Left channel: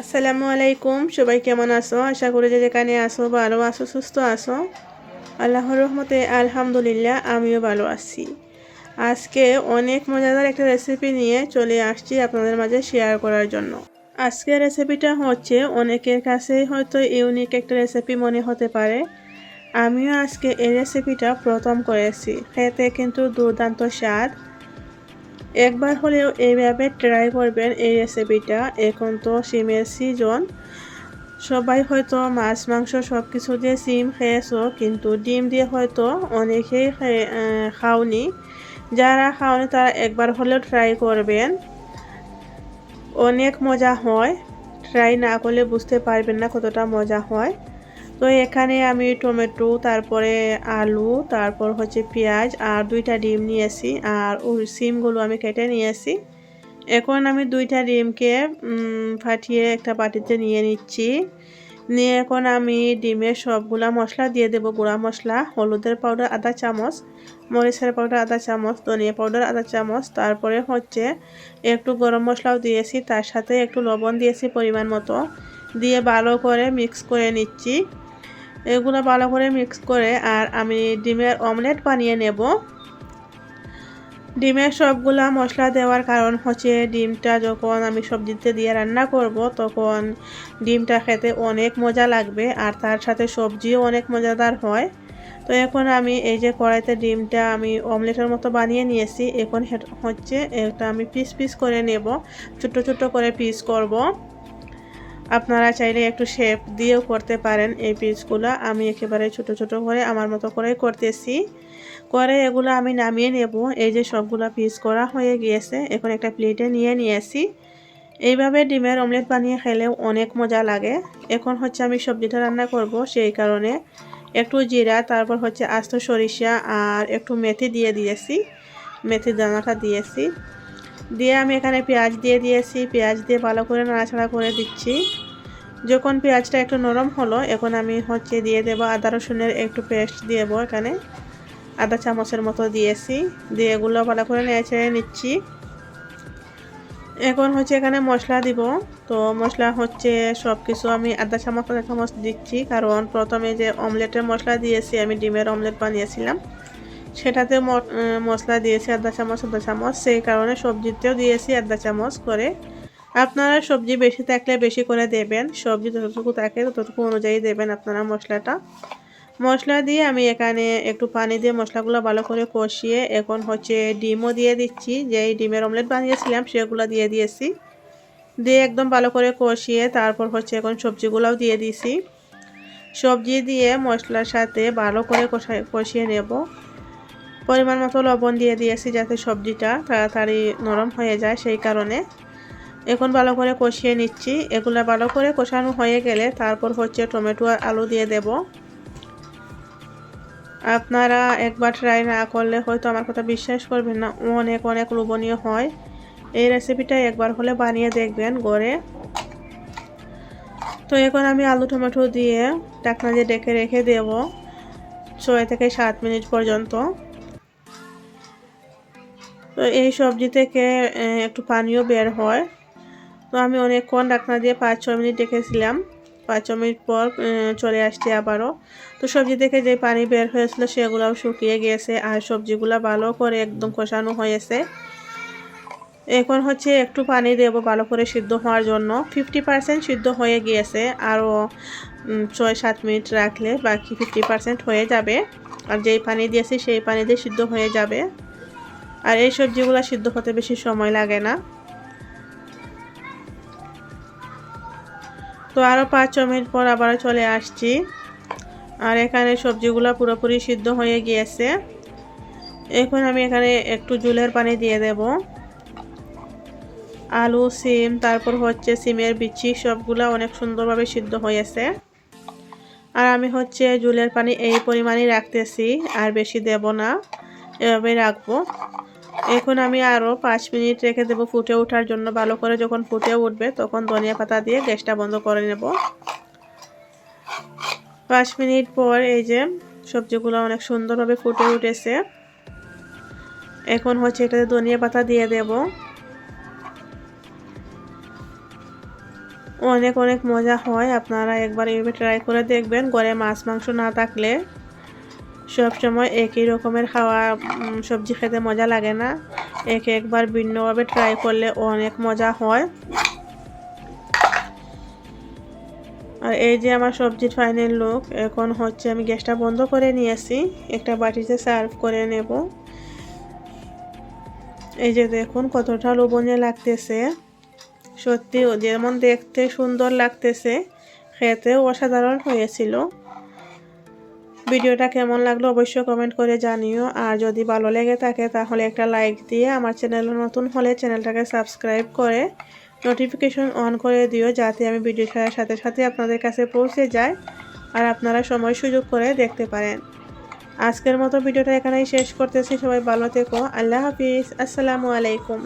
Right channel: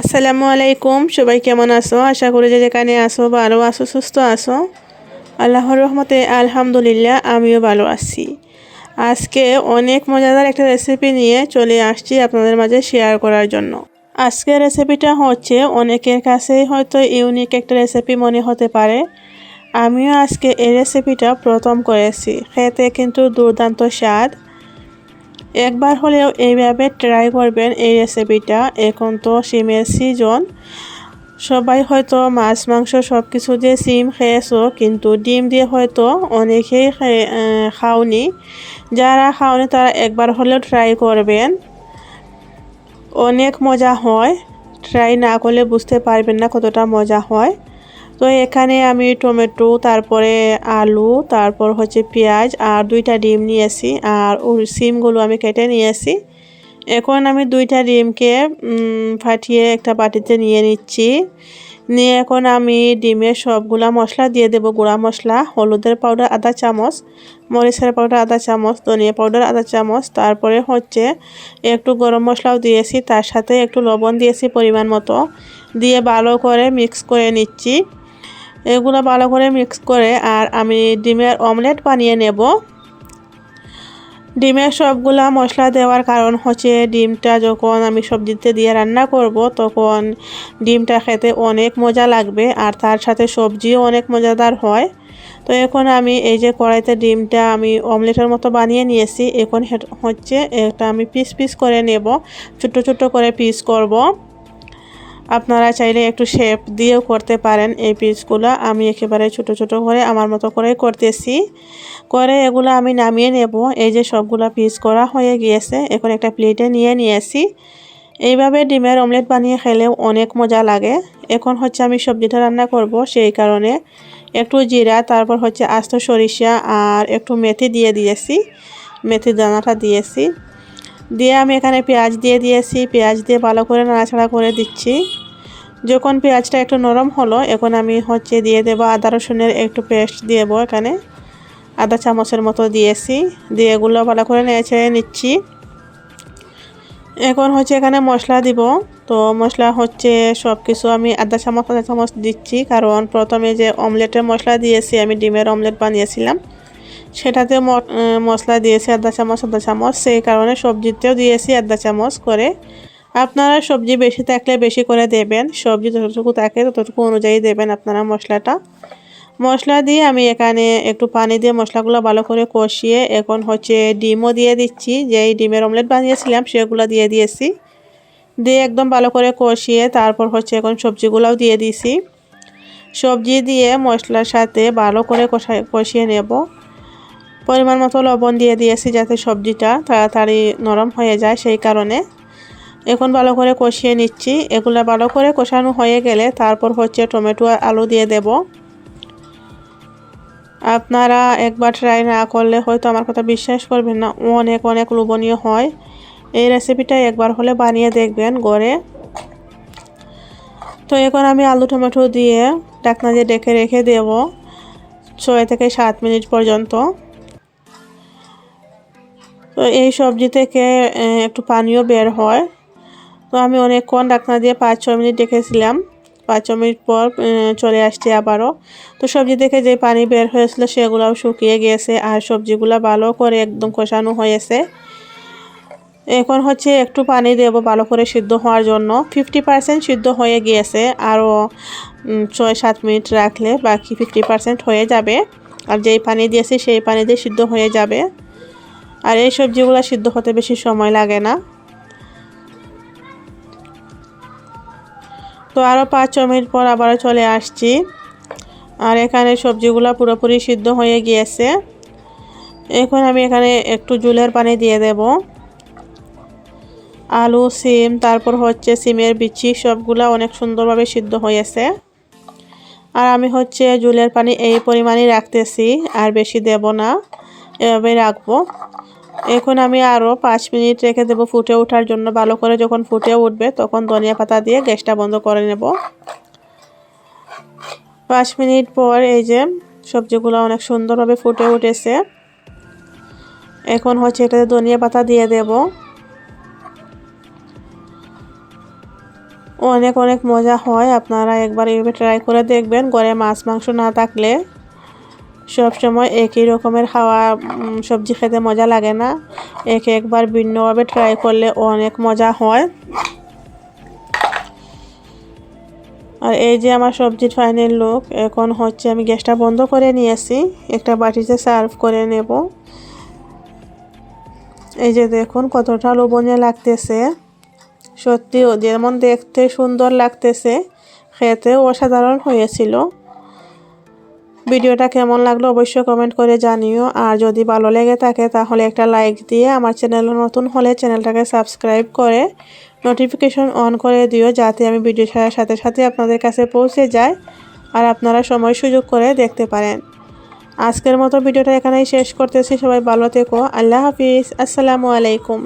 আসসালামু আলাইকুম, সবাই কেমন আসো আশা করি যে যেখানে আসো ভালো আসো সুস্থ আছো। আল্লাহর রহমতে আলহামদুলিল্লাহ, আমিও ভালো আছি। আজকে অনেক মজাদার একটা রেসিপি নিয়ে চলে আসছি আপনাদের মাঝে শেয়ার করার জন্য। আজকের রেসিপিটা হচ্ছে, অনেকের কাছেই হয়তো ইউনিক একটা রেসিপি মনে হতে পারে। আমিও আজকে এই রেসিপিটা প্রথম করেছি। খেতে কিন্তু দুর্দান্ত স্বাদ। একবার হলেও এইভাবে ট্রাই করবেন এই রেসিপিটা এখন তো সিমের সিজন সবাই হয়তো মাছ, মাংস সব কিছু দিয়ে সিম খেয়েছো, কিন্তু ডিম দিয়ে হয়তো অনেকেই খাওনি। যারা খাওনি, তারা একবার হলেও ট্রাই করবেন। অনেক মজা হয়। ট্রাই না করলে বুঝতে পারবেন না কতটা মজা হয়। তো এখানে আমি টমেটো, তারপরে আলু, তারপর হচ্ছে পেঁয়াজ আর দুইটা ডিম নিয়েছি আর ওই সিমগুলো আমি কেটে নিয়েছি। এখন আমি দুইটা ডিমকে ফাটিয়ে একটা বাটিতে নিয়ে নিচ্ছি। নিয়ে এখন আমি ডিমের সবগুলা মশলা দিয়ে দেব, গুঁড়া মশলা, হলুদের পাউডার আধা চামচ, মরিচের পাউডার আধা চামচ, ধনিয়া পাউডার আধা চামচ, তারপরে হচ্ছে একটু গরম মশলাও দিয়েছি, তার সাথে একটু লবণ দিয়েছি পরিমাণ মতো। দিয়ে ভালো করে মিক্স করে নিচ্ছি। এগুলো ভালো করে মিক্স করে আর আমি ডিমের অমলেট বানিয়ে নেব। ডিমের সবগুলা মশলা দেওয়ার কারণ হচ্ছে ডিমটা যখন আমি সবজিতে দিয়ে রান্না করব, তখন ডিমটা খেতে অনেক মজা লাগবে আর তার সাথে সবজিও অনেক মজাদার হয়। তো এখন আমি এই যে কড়াইতে ডিমটা আমি অমলেটের মতো বানিয়ে নিয়েছি, এখন হচ্ছে এটা আমি পিস পিস করে নেব, ছোট ছোট করে পিস করব। আপনারা চাইলে একটু শেপ দিয়েও করতে পারেন এই পিসগুলো আমি একেবারে ছোট ছোট করে আমার মতো করে করতেছি। করে এগুলো আমি নামিয়ে নেব। এই যে সবগুলো পিস করা হয়ে গিয়েছে, এখন একটা প্লেটে নিয়ে নিয়েছি। এইভাবে ডিমের অমলেট বানিয়ে খেলেও অনেক মজা লাগে। এখন হচ্ছে আমি সবজিটা রান্না করব, সেই কারণে একটু জিরা, তারপর হচ্ছে আস্ত সরিষা আর একটু মেথি দিয়ে দিয়েছি। মেথির দানাটা দিয়েছি। দিয়ে আমি এখানে পেঁয়াজ দিয়ে দিয়েছি। পেঁয়াজ দিয়ে ভালো করে নাড়াচাড়া করে দিচ্ছি। যখন পেঁয়াজটা একটু নরম হলো, এখন আমি হচ্ছে দিয়ে দেবো আদা রসুনের একটু পেস্ট দেবো এখানে। আদা চামচের মতো দিয়েছি। দিয়ে এগুলো ভালো করে নেড়ে নিচ্ছি। এখন হচ্ছে এখানে মশলা দিব। তো মশলা হচ্ছে সব কিছু আমি আদা চামচ আদা চামচ দিচ্ছি। কারণ প্রথমে যে অমলেটের মশলা দিয়েছি, আমি ডিমের অমলেট বানিয়েছিলাম। সেটাতে মশলা দিয়েছি আধা চামচ আধা চামচ, সেই কারণে সবজিতেও দিয়েছি আধা চামচ করে। আপনারা সবজি বেশি থাকলে বেশি করে দেবেন, সবজি যতটুকু থাকে ততটুকু অনুযায়ী দেবেন আপনারা মশলাটা। মশলা দিয়ে আমি এখানে একটু পানি দিয়ে মশলাগুলো ভালো করে কষিয়ে এখন হচ্ছে ডিমও দিয়ে দিচ্ছি, যেই ডিমের অমলেট বানিয়েছিলাম সেগুলো দিয়ে দিয়েছি। দিয়ে একদম ভালো করে কষিয়ে তারপর হচ্ছে এখন সবজিগুলোও দিয়ে দিছি। সবজি দিয়ে মশলার সাথে ভালো করে কষিয়ে নেব। পরিমাণ মতো লবণ দিয়ে দিয়েছি যাতে সবজিটা তাড়াতাড়ি নরম হয়ে যায় সেই কারণে। এখন ভালো করে কষিয়ে নিচ্ছি। এগুলো ভালো করে কষানো হয়ে গেলে তারপর হচ্ছে টমেটো আর আলু দিয়ে দেব। আপনারা একবার ট্রাই না করলে হয়তো আমার কথা বিশ্বাস করবেন না, অনেক অনেক লোভনীয় হয়। এই রেসিপিটা একবার হলে বানিয়ে দেখবেন গড়ে। তো এখন আমি আলু, টমেটো দিয়ে ডাকনা দিয়ে ডেকে রেখে দেব, ছয় থেকে সাত মিনিট পর্যন্ত। তো এই সবজি থেকে একটু পানিও বের হয়। তো আমি অনেকক্ষণ ডাকনা দিয়ে পাঁচ ছ মিনিট রেখেছিলাম। পাঁচ ছ মিনিট পর চলে আসছে আবারও। তো সবজি থেকে যে পানি বের হয়েছিল সেগুলোও শুকিয়ে গিয়েছে আর সবজিগুলো ভালো করে একদম কষানো হয়েছে। এখন হচ্ছে একটু পানি দেব ভালো করে সিদ্ধ হওয়ার জন্য। ফিফটি পারসেন্ট সিদ্ধ হয়ে গিয়েছে, আরও ছয়, সাত মিনিট রাখলে বাকি ফিফটি পারসেন্ট হয়ে যাবে। আর যেই পানি দিয়েছি সেই পানি দিয়ে সিদ্ধ হয়ে যাবে। আর এই সবজিগুলো সিদ্ধ হতে বেশি সময় লাগে না। তো আরও পাঁচ ছ মিনিট পর আবারও চলে আসছি। আর এখানে সবজিগুলো পুরোপুরি সিদ্ধ হয়ে গিয়েছে। এখন আমি এখানে একটু জুলের পানি দিয়ে দেব। আলু, সিম, তারপর হচ্ছে সিমের বিচি, সবগুলো অনেক সুন্দরভাবে সিদ্ধ হয়েছে। আর আমি হচ্ছে জুলের পানি এই পরিমাণই রাখতেছি, আর বেশি দেব না। এভাবেই রাখব। এখন আমি আরও পাঁচ মিনিট রেখে দেবো ফুটে ওঠার জন্য। ভালো করে যখন ফুটে উঠবে, তখন ধনিয়া পাতা দিয়ে গ্যাসটা বন্ধ করে নেব। পাঁচ মিনিট পর এই যে সবজিগুলো অনেক সুন্দরভাবে ফুটে উঠেছে। এখন হচ্ছে এটাতে ধনিয়া পাতা দিয়ে দেব। অনেক অনেক মজা হয়, আপনারা একবার এভাবে ট্রাই করে দেখবেন। ঘরে মাছ মাংস না থাকলে। সব সময় একই রকমের খাওয়া সবজি খেতে মজা লাগে না। এক একবার ভিন্নভাবে ট্রাই করলে অনেক মজা হয়। আর এই যে আমার সবজির ফাইনাল লোক এখন হচ্ছে আমি গ্যাসটা বন্ধ করে নিয়েছি। একটা বাটিতে সার্ভ করে নেব। এই যে দেখুন কতটা লোভনীয় লাগতেছে। সত্যি যেমন দেখতে সুন্দর লাগতেছে খেতে অসাধারণ হয়েছিল। ভিডিওটা কেমন লাগল অবশ্যই কমেন্ট করে জানিও। আর যদি ভালো লেগে থাকে তাহলে একটা লাইক দিয়ে আমার চ্যানেলে নতুন হলে চ্যানেলটাকে সাবস্ক্রাইব করে নোটিফিকেশন অন করে দিও যাতে আমি ভিডিও ছাড়ার সাথে সাথে আপনাদের কাছে পৌঁছে যায় আর আপনারা সময় সুযোগ করে দেখতে পারেন। আজকের মতো ভিডিওটা এখানেই শেষ করতেছি। সবাই ভালো থেকো। আল্লাহ হাফিজ। আসসালামু আলাইকুম।